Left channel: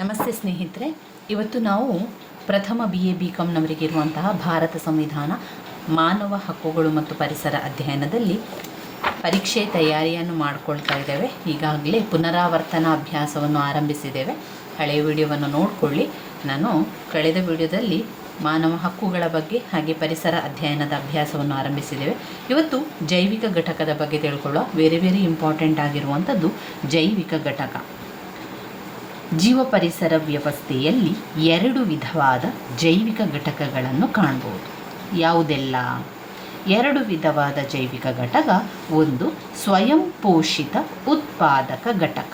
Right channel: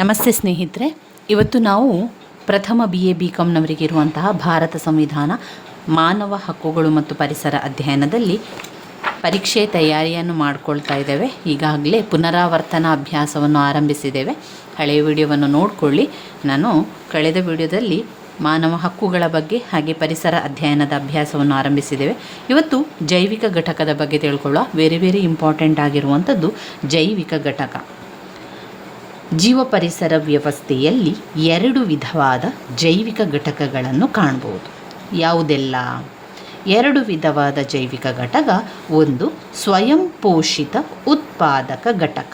ನಮಸ್ತೆ ಸ್ನೇಹಿತರೆ, ಇವತ್ತು ನಾವು ಪ್ರಥಮ BA BComನವರಿಗೆ ಇರುವಂತಹ ಭಾರತ ಸಂವಿಧಾನ ಮಾನವ ಹಕ್ಕುಗಳು ಮತ್ತು ಪರಿಸರ ಅಧ್ಯಯನದಲ್ಲಿ ಪರೀಕ್ಷೆ ತಯಾರಿಯನ್ನು ಮಾಡಿಕೊಳ್ತಾ ಇದ್ದೇವೆ. ಈಗಾಗಲೇ ಪುನರಾವರ್ತನ ಅಭ್ಯಾಸವನ್ನು ಆರಂಭಿಸಿದ್ದೇವೆ. ಹಳೆಯ ವಿಡಿಯೋವನ್ನು ನೋಡಿಕೊಳ್ಳಿ. ನಾನು ಕಳೆದ ವಿಡಿಯೋದಲ್ಲಿ ಮಾನವ ಹಕ್ಕುಗಳ ಬಗ್ಗೆ ಹಾಗೆ ಪರಿಸರ ಅಧ್ಯಯನದ ಅಭ್ಯಾಸವನ್ನು ಆರಂಭಿಸಿದ್ದೇವೆ. ಇವತ್ತು ಜೈವಿಕ ಘಟಕದ ಬಗ್ಗೆ ತಿಳ್ಕೊಳ್ಳೋ ವೆರಿ ಇಂಪಾರ್ಟೆಂಟ್ ಆಗಿರುವಂಥದ್ದು ಜೈವಿಕ ಘಟಕ. ಜೀವ ಪರಿಸರ ವ್ಯವಸ್ಥೆಯಲ್ಲಿ ಎರಡು ವಿಧವಾದ ಜೈವಿಕ ಘಟಕಗಳನ್ನು ಕಾಣಬಹುದು. ಯಾವುದೆಲ್ಲ? ಎರಡು ವಿಧವಾದ ಜೈವಿಕ ಘಟಕ. ಒಂದು ಸ್ವಯಂ ಪೋಷಿತ ಉತ್ಪಾದಕ ಘಟಕ,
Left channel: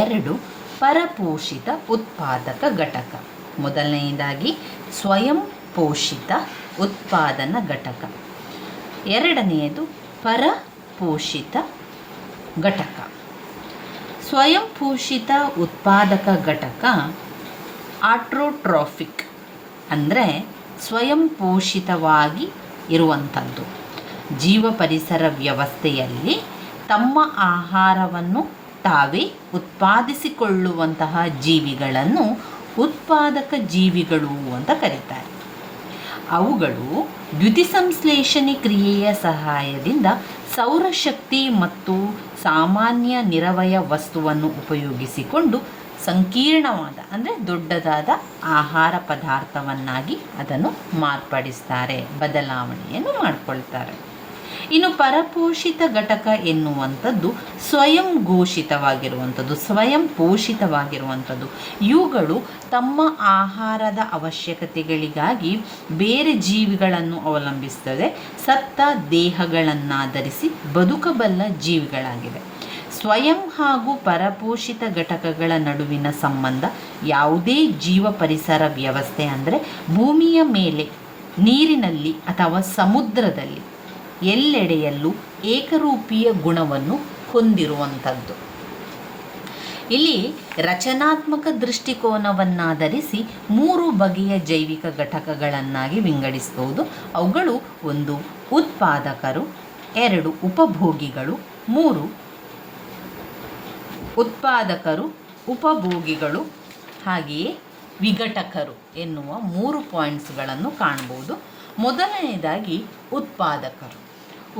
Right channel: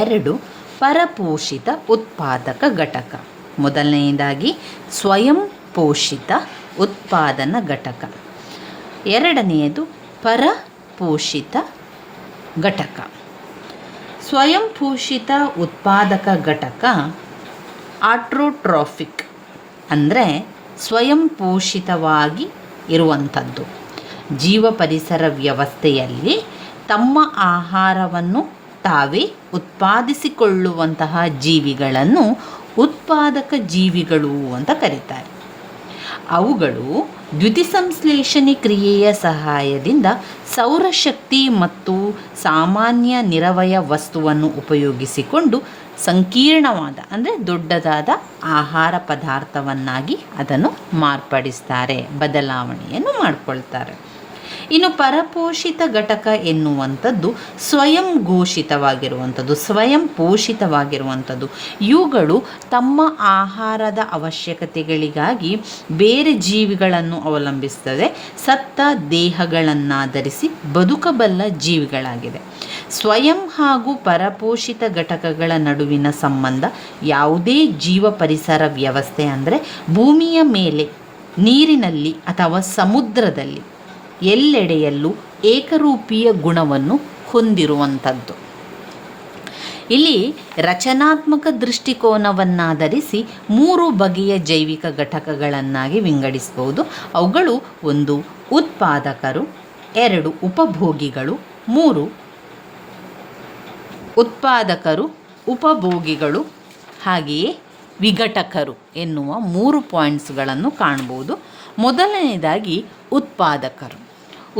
ಎರಡು ಪರಪೋಷಿತ ಉತ್ಪಾದಕ ಘಟಕ. ಮೊದಲನೆಯದಾಗಿ ಸ್ವಯಂ ಪೋಷಿತ ಉತ್ಪಾದನಾ ಘಟಕ, ಎರಡನೆಯದು ಪರಪೋಷಿತ ಘಟಕ. ಸ್ವಯಂ ಪೋಷಿತ ಉತ್ಪಾದಕ ಘಟಕ ಆಟ್ರೋಟ್ರೋಫಿಕ್, ಅಂದರೆ ಸ್ವಯಂ ಪೋಷಿತವಾಗಿ ಇರುವಂಥದ್ದು. ಜೀವ ಪರಿಸರ ವ್ಯವಸ್ಥೆಯಲ್ಲಿ ತಮ್ಮ ಆಹಾರವನ್ನು ತಾವೇ ಉತ್ಪಾದಿಸಿಕೊಳ್ಳುವಂತಹ ಜೀವಿಗಳನ್ನು ಉತ್ಪಾದಕ ಜೀವಿಗಳು ಅಂತ ಕರೀತಾರೆ. ಅವುಗಳು ದ್ಯುತಿಸಂಶ್ಲೇಷಣೆ ಕ್ರಿಯೆಯ ಸಹಾಯದಿಂದ ಸೌರಶಕ್ತಿ ಮತ್ತು ಸಾಮಾನ್ಯ ನಿರವಯ ವಸ್ತುವನ್ನು ಉಪಯೋಗಿಸಿಕೊಂಡು ಸಂಕೀರ್ಣವಾದ ಅಂದರೆ ದೊಡ್ಡದಾದ ಆಹಾರ ಪದಾರ್ಥವನ್ನಾಗಿ ಅದನ್ನು ಮಾರ್ಪಡಿಸ್ತಾರೆ, ಬದಲಾವಣೆಯನ್ನು ಮಾಡಿಕೊಳ್ತಾರೆ. ಇನ್ನು ಪರಪೋಷಿತ ಘಟಕ ಎನ್ನುವಂಥದ್ದು ಸ್ವಯಂ ಘೋಷಿತವಾಗಿರುವಂಥದ್ದು, ಸ್ವಯಂ ಪೋಷಿತವಾಗಿರುವಂಥದ್ದು. ಇವುಗಳು ತಮ್ಮ ಆಹಾರದ ಅವಶ್ಯಕತೆಗಳಿಗಾಗಿ ಬೇರೆ ಜೀವಿಗಳನ್ನು ಅವಲಂಬಿಸ್ತದೆ. ಸತ್ತ ದೇಹಗಳನ್ನಾಧರಿಸಿ ಬದುಕಬಲ್ಲ ಜೀವಿಗಳಾಗಿವೆ. ಸ್ವಯಂ ಹಾಗೂ ಪರಪೋಷಿತ ಘಟಕಗಳ ನಡುವಿನ ಸಂಬಂಧ ಯಾವುದೇ ಜೀವ ಪರಿಸರ ವ್ಯವಸ್ಥೆ ಅಂದರೆ ಭೂಮಿಯ ಮೇಲೆ, ನೀರಿನಲ್ಲಿ ಅಥವಾ ಸಮುದ್ರದಲ್ಲಿ ಎಲ್ಲೆಡೆಯಲ್ಲೂ ಏಕರೂಪೀಯ ಗುಣವನ್ನು ಹೊಂದಿರುವಂಥದ್ದು. ಇಲ್ಲಿ ರಚನಾತ್ಮಕ ದೃಷ್ಟಿಕೋನವನ್ನಾಧರಿಸಿ ಮೂರು ಬಗೆಯ ಜೈವಿಕ ಘಟಕಗಳನ್ನಾಗಿ ವಿಂಗಡಿಸಬಹುದು. ಅವುಗಳು: ಒಂದು ಉತ್ಪಾದಕರು, ಎರಡು ಉಪಭೋಗಿಗಳು, ಮೂರು ಉತ್ಪಾದಕರು, ಉಪಭೋಗಿಗಳು ಹಾಗೆಯೇ ವಿಘಟಕರು ಎನ್ನುವ ಮೂರು ಪಾಯಿಂಟ್ಸ್ಗಳನ್ನು ಕಾಣ್ಬೋದು. ಮೊದಲನೇದಾಗಿ ಉತ್ಪಾದಕರು.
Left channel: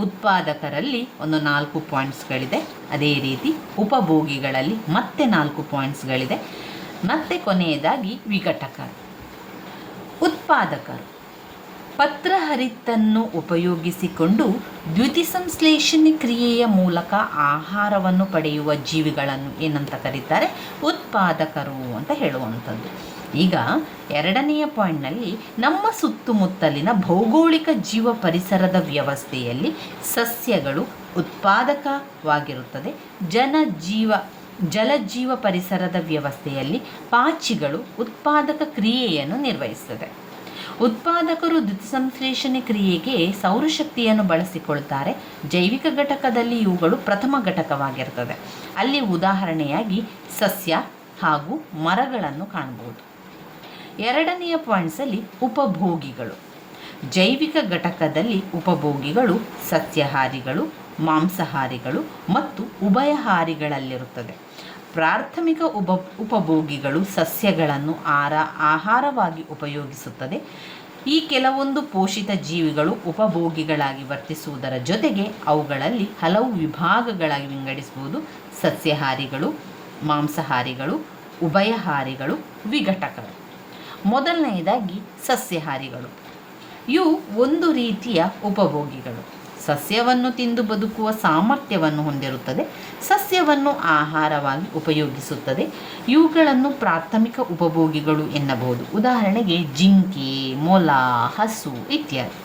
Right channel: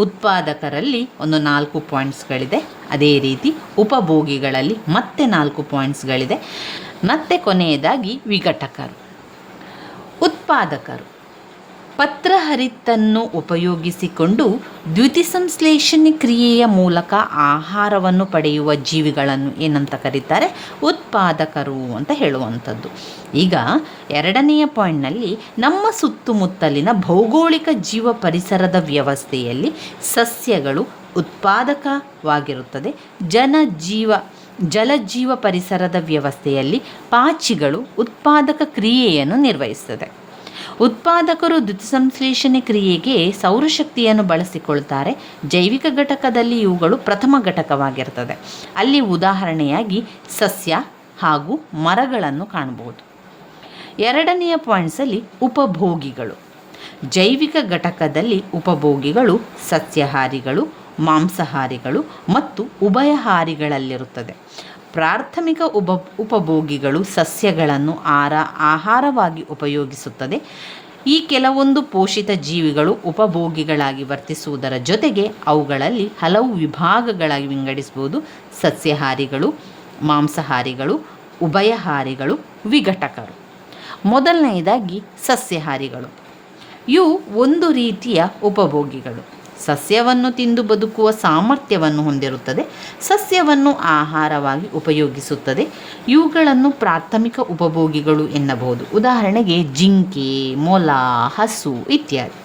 ಉತ್ಪಾದಕರಲ್ಲಿ ಒಂದು 4 ಪಾಯಿಂಟ್ಸ್ಗಳಿದೆ. ಅದೇ ರೀತಿ ಉಪಭೋಗಿಗಳಲ್ಲಿ ಮತ್ತೆ 4 ಪಾಯಿಂಟ್ಸ್ಗಳಿದೆ. ಮತ್ತು ಕೊನೆಯದಾಗಿ ವಿಘಟಕರು. ಉತ್ಪಾದಕರು ಪತ್ರಹರಿತನ್ನು ಉಪಯೋಗಿಸಿಕೊಂಡು ದ್ಯುತಿಸಂಶ್ಲೇಷಣೆ ಕ್ರಿಯೆಯ ಮೂಲಕ ಆಹಾರವನ್ನು ಪಡೆಯುವ ಜೀವಿಗಳನ್ನು ಏನಂತ ಕರೀತಾರೆ? ಉತ್ಪಾದಕರು ಅಂತ ಹೇಳುವಂಥದ್ದು. ಈಗ ಎರಡನೆಯ ಪಾಯಿಂಟ್ನಲ್ಲಿ ನಮ್ಮ ಸುತ್ತಮುತ್ತಲಿನ ಭೌಗೋಳಿಕ ಜೀವ ಪರಿಸರದ ವ್ಯವಸ್ಥೆಯಲ್ಲಿ ಸಸ್ಯಗಳು ಉತ್ಪಾದಕವಾಗಿರುತ್ತದೆ. ಜಲಜೀವ ಪರಿಸರದ ವ್ಯವಸ್ಥೆಯಲ್ಲಿ ಪಾಚಿಗಳು ಉತ್ಪಾದಕ ಕ್ರಿಯೆಯನ್ನು ನಿರ್ವಹಿಸುತ್ತದೆ. ಉತ್ಪಾದಕರು ದ್ಯುತಿಸಂಶ್ಲೇಷಣೆ ಕ್ರಿಯೆಗೆ ಸೌರಶಕ್ತಿಯನ್ನು ಬಳಸಿಕೊಳ್ತಾರೆ. ಜೈವಿಕ ಘಟಕದಲ್ಲಿ ಇವುಗಳು ಪ್ರಥಮ ಘಟಕವಾಗಿರ್ತದೆ. ಅಲ್ಲಿ ಉದಾಹರಣೆಯಾಗಿ ಸಸ್ಯ ಹಾಗೂ ಮರಗಳನ್ನು ಕಾಣಬಹುದು. ಎರಡನೆಯ ಪಾಯಿಂಟ್ಸಲ್ಲಿ ಉಪಭೋಗಿಗಳು. ಜೈವಿಕ ಘಟಕದಲ್ಲಿ ಉಪಭೋಗಿಗಳು ಸಸ್ಯಾಹಾರಿಗಳು, ಮಾಂಸಾಹಾರಿಗಳು ಮತ್ತು ಉಭಯಹಾರಿಗಳಲ್ಲಿರುತ್ತದೆ. ಪ್ರಾಥಮಿಕ ಉಪಭೋಗಿಗಳು ಸಸ್ಯಗಳನ್ನು ಆಹಾರವಾಗಿ ಉಪಯೋಗಿಸುತ್ತದೆ. ಈ ಕೆಲವೊಂದು ಪೋಷಿತ ಜೀವಿಗಳು ಉಪಭೋಗಿಗಳಾಗಿ ವರ್ತಿಸುವುದರ ಜೊತೆಗೆ ಅವುಗಳಲ್ಲಿ ಹಲವು ವಿಭಾಗಗಳಾಗಿ ವಿಂಗಡಿಸಬಹುದು: ಸಸ್ಯಾಹಾರಿಗಳು, ಮಾಂಸಾಹಾರಿಗಳು, ಉಭಯಹಾರಿಗಳು, ವಿಘಟಕರು. ಮೊದಲನೆಯದಾಗಿ ಸಸ್ಯಾಹಾರಿಗಳು. ಇವು ಒಂದು ರೀತಿಯ ಉಪಭೋಗಿಗಳು. ಸಸ್ಯವನ್ನು ತಿಂದು ಬದುಕುವ ಸಾಮರ್ಥ್ಯವನ್ನು ಹೊಂದಿರುತ್ತದೆ. ಸಸ್ಯವನ್ನು ಆಹಾರವಾಗಿ ಉಪಯೋಗಿಸುತ್ತದೆ. ಇವುಗಳನ್ನು ಪ್ರಾಥಮಿಕ ಉಪಭೋಗಿಗಳು ಎನ್ನಬಹುದು. ಉದಾಹರಣೆಗೆ ಜಿಂಕೆ, ಮೊಲ, ಹಸು ಇತ್ಯಾದಿ.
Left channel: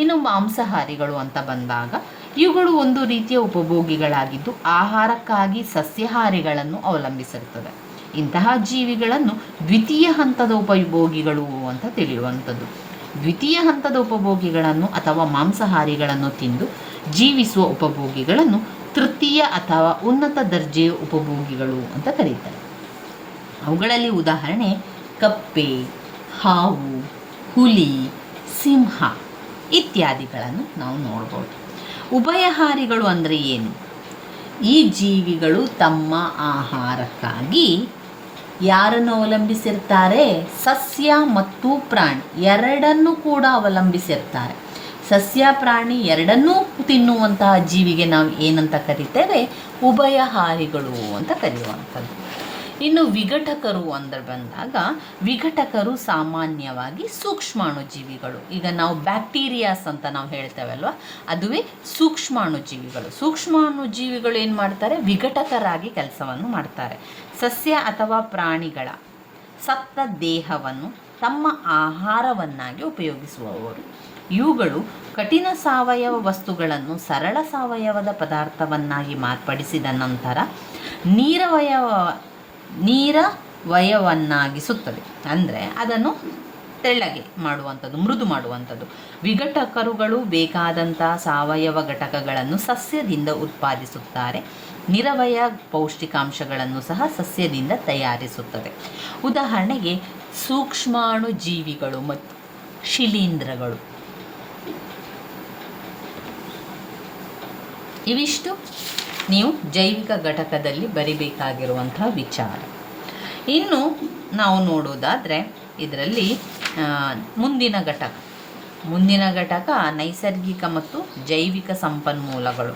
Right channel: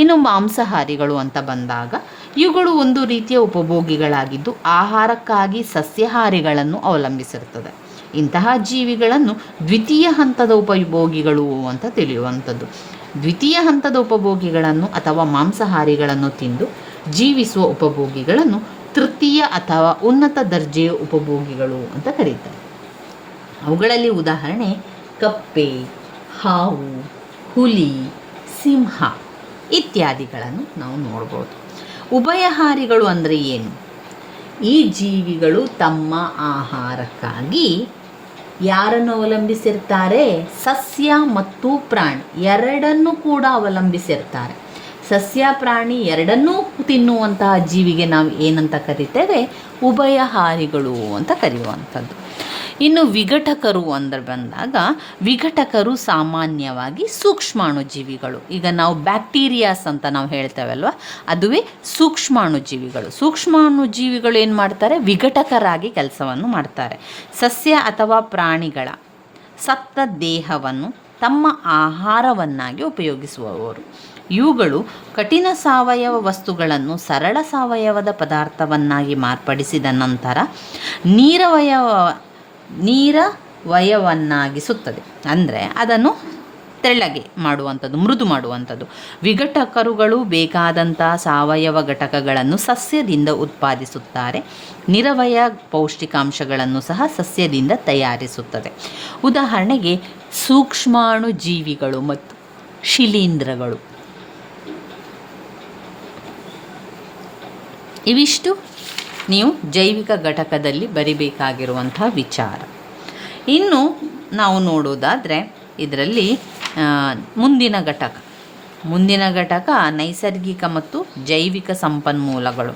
ಇನ್ನು ಮಾಂಸಾಹಾರಿಗಳು ಅಂತ ಬಂದಾಗ ಇವುಗಳು ಒಂದು ರೀತಿಯ ಉಪಭೋಗಿಗಳಾಗಿದ್ದು ಆಹಾರಕ್ಕಾಗಿ ಸಸ್ಯಾಹಾರಿಗಳನ್ನು ಅವಲಂಬಿಸಿರುತ್ತದೆ. ಇಂತಹ ಜೀವಿಗಳನ್ನು ದ್ವಿತೀಯ ಹಂತದ ಉಪಭೋಗಿಗಳು ಅಂತ ತಿಳಿಯುವಂಥದ್ದು. ದ್ವಿತೀಯ ಹಂತದ ಉಪಭೋಗಿಗಳನ್ನು ಅಥವಾ ಮಾಂಸಾಹಾರಿಗಳನ್ನು ತಿಂದು ಜೀವಿಸುವ ಉಪಭೋಗಿಗಳನ್ನು ತೃತೀಯ ಅಥವಾ ಉನ್ನತ ದರ್ಜೆಯ ಉಪಭೋಗಿಗಳು ಅಂತ ಕರೀತಾರೆ. ಅವುಗಳಲ್ಲಿ ಉದಾಹರಣೆ ಕಪ್ಪೆ, ಹಾವು, ಹುಲಿ, ಸಿಂಹ ಇತ್ಯಾದಿಗಳನ್ನು ನಾವು ನೋಡ್ಬೋದು. ಉಭಯಹಾರಿಗಳು ಅಂದರೆ ಏನು? ಈ ಜೀವಿಗಳು ತಮ್ಮ ಆಹಾರಕ್ಕಾಗಿ ಯಾರನ್ನು ಅವಲಂಬಿಸಿರ್ತಾರೆ? ಸಸ್ಯ ಮತ್ತು ಪ್ರಾಣಿ ಎರಡನ್ನೂ ಕೂಡ ಅವಲಂಬಿಸಿರ್ತಾರೆ. ಸಸ್ಯ ಪ್ರಾಣಿ ಎರಡನ್ನೂ ತಿನ್ನುವಂತಹ ಜೀವಿಗೆ ನಾವು ಏನಂತ ಕರಿತೇವೆ? ಉಭಯಹಾರಿಗಳು ಅಂತ ಕರೆಯುವಂಥದ್ದು. ಇನ್ನು ವಿಘಟಕರು ಅಂದರೆ ಬಂದಾಗ, ವಿಘಟಕರು ಸಾಮಾನ್ಯವಾಗಿ ಸೂಕ್ಷ್ಮಾಣುಜೀವಿಗಳು. ಈಗ ನಾವು ಬ್ಯಾಕ್ಟೀರಿಯಾಸ್ ಅಂತ ನಾವು ಹೇಳ್ತೇವಲ್ವ, ಅದುವೇ ಸೂಕ್ಷ್ಮಾಣುಜೀವಿಗಳು. ಸೂಕ್ಷ್ಮಾಣುಜೀವಿಗಳು ಏನು ಮಾಡ್ತಾರೆ? ವಿಘಟಕರಾಗಿ ಕೆಲಸವನ್ನು ಮಾಡ್ತಾರೆ. ಸಸ್ಯ ಅಥವಾ ಪ್ರಾಣಿಗಳ ಸತ್ತ ದೇಹವನ್ನು ತಮ್ಮ ಆಹಾರವನ್ನಾಗಿ ಉಪಯೋಗಿಸುವವರು. ಇವುಗಳು ಕಠಿಣ ಸಾವಯವ ವಸ್ತುಗಳನ್ನು ಸರಳ ಸಾವಯವದ ಪದಾರ್ಥವನ್ನಾಗಿ ಮಾರ್ಪಡಿಸಿದ ನಂತರ ನೀರವಯವನ್ನಾಗಿಸುತ್ತದೆ. ಅಂದರೆ ಅದನ್ನು ತೆಳ್ಳಗೆ ಮಾಡುವಂಥದ್ದು, ಮೃದು ಮಾಡುವಂಥದ್ದು. ವಿಘಟಕರುಗಳು ಬೇಕಾದಂಥ ಸಾವಯವ ಘಟಕಗಳನ್ನು ಸಸ್ಯದಿಂದ ಉತ್ಪಾದಿಸುತ್ತಾರೆ. ನಿರವಯ ಪೌಷ್ಟಿಕಾಂಶಗಳನ್ನು ಸಹ ಸಸ್ಯದಿಂದ ತಯಾರಿಸುತ್ತದೆ. ಉದಾಹರಣೆಗೆ ಸೂಕ್ಷ್ಮಾಣು ಜೀವಿಗಳು ಮತ್ತು ಶಿಲೀಂಧ್ರಗಳು. ಇವಿಷ್ಟು ನೀವು ಜೈವಿಕ ಘಟಕದಲ್ಲಿ ಬರಿಬೇಕಾಗಿರುವಂಥ ವಿಚಾರ. ಇನ್ನು ನಾವು ನೋಡೋದಾದರೆ ಇದರಲ್ಲಿ ಮುಂದಿನ ಘಟಕ ನೈಸರ್ಗಿಕ ಮತ್ತು ಜೈವಿಕ ಸಂಪನ್ಮೂಲಗಳು.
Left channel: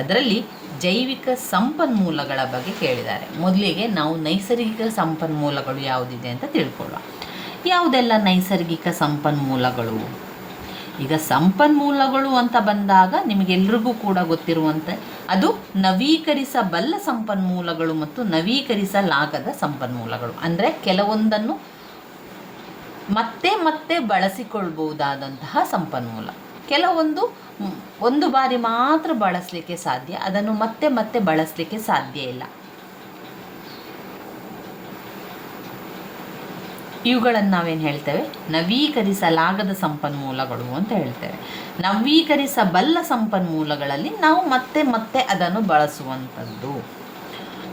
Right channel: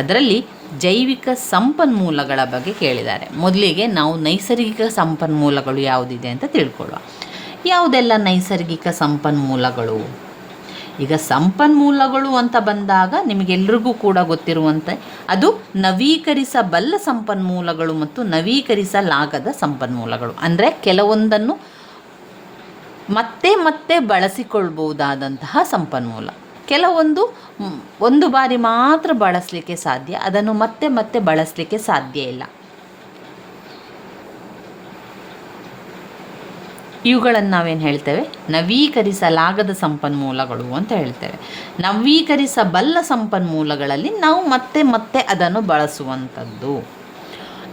ಅದರಲ್ಲಿ ಜೈವಿಕ ಸಂಪನ್ಮೂಲಗಳ ಬಗ್ಗೆ ಕೇಳಿದ್ದಾರೆ. ಮೊದಲಿಗೆ ನಾವು ನೈಸರ್ಗಿಕ ಸಂಪನ್ಮೂಲಗಳು ಯಾವುದಿದೆ ಅಂತ ತಿಳ್ಕೊಳ್ಳುವ. ಯಾವುದೆಲ್ಲ ನೈಸರ್ಗಿಕ ಸಂಪನ್ಮೂಲಗಳು? ಈಗ ಸಂಪನ್ಮೂಲಗಳು ಅಂತ ಬಂದಾಗ ನಿಮಗೆಲ್ರಿಗೂ ಕೂಡ ಗೊತ್ತಿರುವಂತೆ ಅದು ನವೀಕರಿಸಬಲ್ಲ ಸಂಪನ್ಮೂಲಗಳು ಮತ್ತು ನವೀಕರಿಸಲಾಗದ ಸಂಪನ್ಮೂಲಗಳು. ಅಂದರೆ ಕೆಲವೊಂದನ್ನು ಮತ್ತೆ ಮತ್ತೆ ಬಳಸಿಕೊಳ್ಬಹುದಾದಂತಹ ಸಂಪನ್ಮೂಲ, ಕೆಲವೊಂದು ಒಂದು ಬಾರಿ ಮಾತ್ರ ಬಳಸಲಿಕ್ಕೆ ಸಾಧ್ಯ, ಅದನ್ನು ಮತ್ತೆ ಮತ್ತೆ ಬಳಸಲಿಕ್ಕೆ ಸಾಧ್ಯ ಇಲ್ಲ. ಇವುಗಳನ್ನು ನಾವೇನು ಹೇಳ್ತೇವೆ? ನವೀಕರಿಸಲಾಗದ ಸಂಪನ್ಮೂಲಗಳು ಅಂತ ಹೇಳ್ತೇವೆ. ನವೀಕರಿಸಬಲ್ಲ ಸಂಪನ್ಮೂಲಗಳಲ್ಲಿ ನಾವು ಮತ್ತೆ ಮತ್ತೆ ಅದನ್ನು ಬಳಸುವಂಥದ್ದು.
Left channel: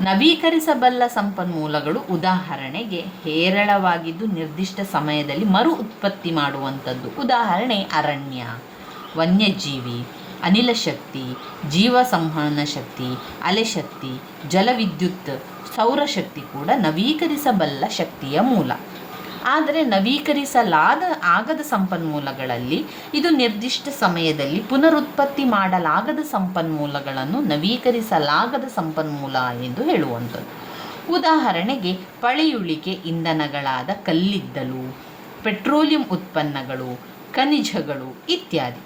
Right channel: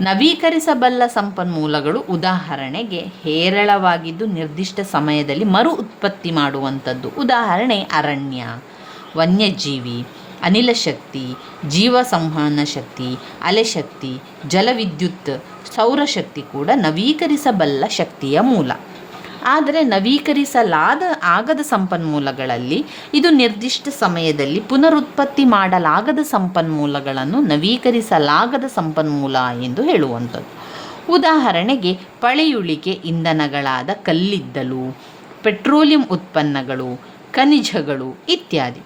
ನವೀಕರಿಸಬಲ್ಲ ಸಂಪನ್ಮೂಲಗಳು ಉದಾಹರಣೆಗೆ ಹೇರಳವಾಗಿದ್ದು ನಿರ್ದಿಷ್ಟ ಸಮಯದಲ್ಲಿ ಮರು ಉತ್ಪತ್ತಿ ಮಾಡುವಂಥದ್ದು. ಉದಾಹರಣೆ ಅರಣ್ಯ, ವನ್ಯಜೀವಿ, ಅನಿಲ ಶಕ್ತಿ, ಜೀವ ಸಂವಹನ ಶಕ್ತಿ, ಅಲೆಶಕ್ತಿ, ಜಲವಿದ್ಯುತ್, ಸೌರಶಕ್ತಿ ಕೂಡ ನವೀಕರಿಸಬಲ್ಲ ಶಕ್ತಿಯ ಮೂಲ. ಆದರೆ ಆಗದ ಸಂಪನ್ಮೂಲಗಳಲ್ಲಿ ಇದು ನಿರ್ದಿಷ್ಟ ಸಮಯದಲ್ಲಿ ಪುನರುತ್ಪತ್ತಿ ಮಾಡಲಾಗದ ಸಂಪನ್ಮೂಲಗಳನ್ನು ನವೀಕರಿಸಲಾಗದ ಸಂಪನ್ಮೂಲ ಎಂದು ಹೇಳುವಂಥದ್ದು. ಉದಾಹರಣೆಗೆ ಪಳೆಯುಳಿಕೆ ಇಂಧನಗಳಾದ ಕಲ್ಲಿದ್ದಲು, ಪೆಟ್ರೋಲಿಯಂ ಉತ್ಪನ್ನಗಳು, ಖನಿಜಗಳು ಇತ್ಯಾದಿ.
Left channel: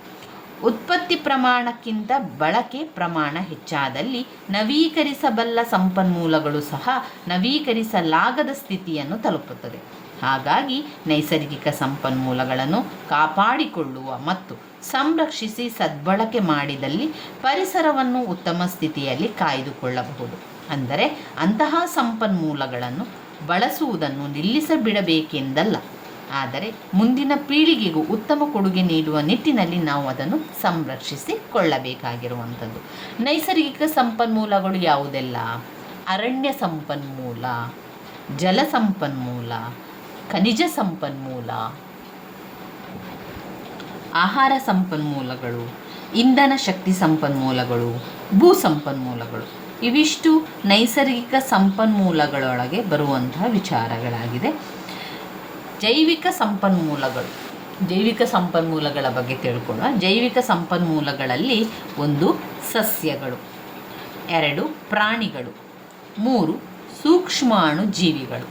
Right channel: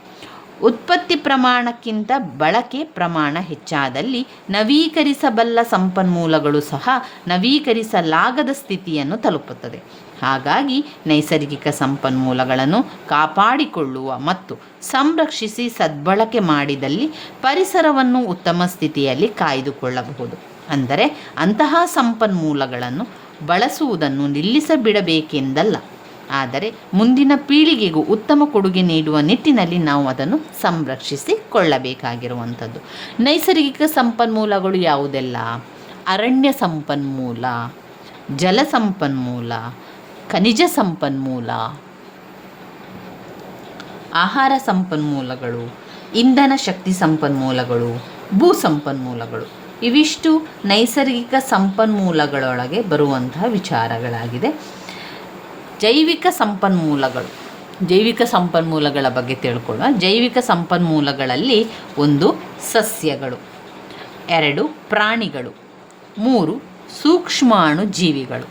ಉತ್ಪತ್ತಿ ಪ್ರಮಾಣಕ್ಕಿಂತ ಬಳಕೆ ಪ್ರಮಾಣ ಹೆಚ್ಚಾದಲ್ಲಿ ನವೀಕರಿಸಬಲ್ಲ ಸಂಪನ್ಮೂಲಗಳು ಸಹ ನವೀಕರಿಸಲಾಗದ ಸ್ಥಿತಿಯನ್ನು ತಲುಪುತ್ತದೆ. ಹಾಗಾಗಿ ನೈಸರ್ಗಿಕ ಸಂಪನ್ಮೂಲಗಳನ್ನು ಕಾಪಾಡಿಕೊಳ್ಳುವ ಮತ್ತು ಸಂರಕ್ಷಿಸಿ ಸದ್ಬಳಕೆ ಮಾಡಿದಲ್ಲಿ ಪರಿಸರವನ್ನು ಉತ್ತಮ ಸ್ಥಿತಿಯಲ್ಲಿ ಕಾಯ್ದುಕೊಳ್ಳಬಹುದು. ಅಂದರೆ ಅಂತಹ ಸಂಪನ್ಮೂಲಗಳನ್ನು ಬಳಸುವುದನ್ನು ನಿಲ್ಲಿಸಿಬಿಡಬೇಕೆಂದಲ್ಲ, ಆದರೆ ಮುಂದಿನ ಪೀಳಿಗೆಗೂ ಉತ್ತಮ ಕೊಡುಗೆ ನೀಡುವ ನಿಟ್ಟಿನಲ್ಲಿ ನಾವು ಅದನ್ನು ಸಂರಕ್ಷಿಸಿಕೊಳ್ಳಬೇಕಾಗಿರುವಂಥದ್ದು. ನೈಸರ್ಗಿಕ ಸಂಪನ್ಮೂಲಗಳು ಯಾವುದೆಲ್ಲ? ಅರಣ್ಯ ಸಂಪನ್ಮೂಲ, ಜಲ ಸಂಪನ್ಮೂಲ, ಖನಿಜ ಸಂಪನ್ಮೂಲ, ಆಹಾರ ಸಂಪನ್ಮೂಲಗಳು, ಇಂಧನ ಶಕ್ತಿ ಸಂಪನ್ಮೂಲಗಳು, ಭೂ ಸಂಪನ್ಮೂಲಗಳು. ಇವಿಷ್ಟು ನೈಸರ್ಗಿಕ ಸಂಪನ್ಮೂಲಗಳೊಳಗೆ ಬರುವಂತಹ ವಿಚಾರಗಳಾಗಿದೆ. ಜೈವಿಕ ಸಂಪನ್ಮೂಲಗಳ ಬಗ್ಗೆ ತಿಳ್ಕೊಳ್ಳುವ. ಜೈವಿಕ ಸಂಪನ್ಮೂಲಗಳಲ್ಲಿ 1 ಸಸ್ಯಗಳು, 2 ಪ್ರಾಣಿಗಳು, 3 ಸೂಕ್ಷ್ಮಾಣು ಜೀವಿಗಳು.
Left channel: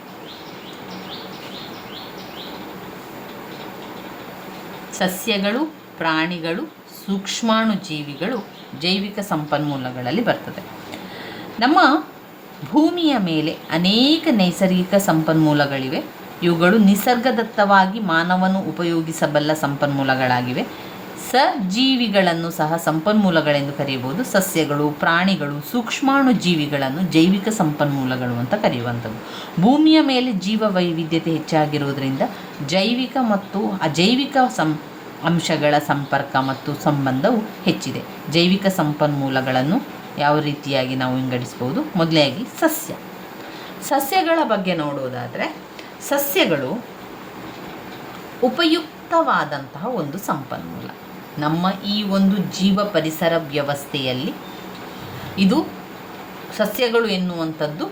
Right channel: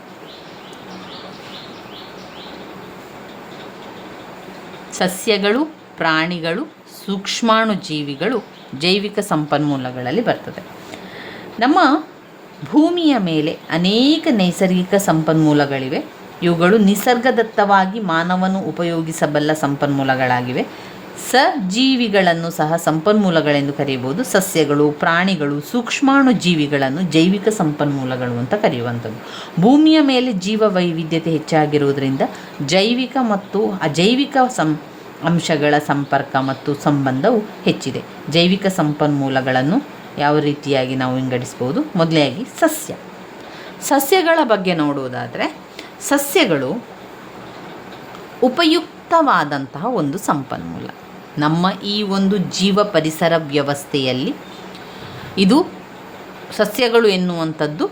ಸಸ್ಯಗಳು, ಪ್ರಾಣಿಗಳು, ಸೂಕ್ಷ್ಮಾಣು ಜೀವಿಗಳು ಜೈವಿಕ ಸಂಪನ್ಮೂಲಗಳಲ್ಲಿ ಬರ್ತದೆ. ನಮ್ಮ ಭೂಮಿಯ ಮೇಲೆ ಅನೇಕ ನೈಸರ್ಗಿಕ ಸಂಪನ್ಮೂಲಗಳಿವೆ. ಇವುಗಳು ನಿಸರ್ಗದತ್ತವಾಗಿ ಮಾನವನು ಉಪಯೋಗಿಸಬಲ್ಲ ಸಂಪನ್ಮೂಲಗಳಾಗಿವೆ. ಸಜೀವಿಗಳನ್ನು ಸಹ ಸಂಪನ್ಮೂಲಗಳೆಂದು ಕರೆಯಬಹುದು. ಸಸ್ಯಗಳು, ಪ್ರಾಣಿಗಳು, ಸೂಕ್ಷ್ಮಾಣು ಜೀವಿಗಳನ್ನು ಜೈವಿಕ ಸಂಪನ್ಮೂಲಗಳು ಅಂತ ಕರೆಯುವಂಥದ್ದು. ಭೂಮಿಯ ಮೇಲೆ ಜೀವ ವೈವಿಧ್ಯತೆ ಹೆಚ್ಚಾಗಿರುವುದರಿಂದ ಜೈವಿಕ ಮತ್ತು ಅಜೈವಿಕ ಅಂಶಗಳ ಸಂಪರ್ಕ ಮತ್ತು ಸಂಬಂಧವು ಹೆಚ್ಚಿದೆ. ಜೈವಿಕ ಸಂಪನ್ಮೂಲಗಳನ್ನು ಯಾವ ರೀತಿಯಾಗಿ ನಾವು ವಿಂಗಡಿಸ್ಬೋದು? ಮೊದಲಾಗಿ ಸಸ್ಯಗಳ ಬಗ್ಗೆ ನೋಡುವುದಾದರೆ, ಸಸ್ಯಗಳು ಉಪಯುಕ್ತವಾದಂತಹ ಒಂದು ಸಂಪನ್ಮೂಲ. ನಮ್ಮ ಈ ಒಂದು ಜೀವ ಪರಿಸರ ವ್ಯವಸ್ಥೆಯಲ್ಲಿ ಇದು ಸಸ್ಯಗಳು ಎನ್ನುವಂಥದ್ದು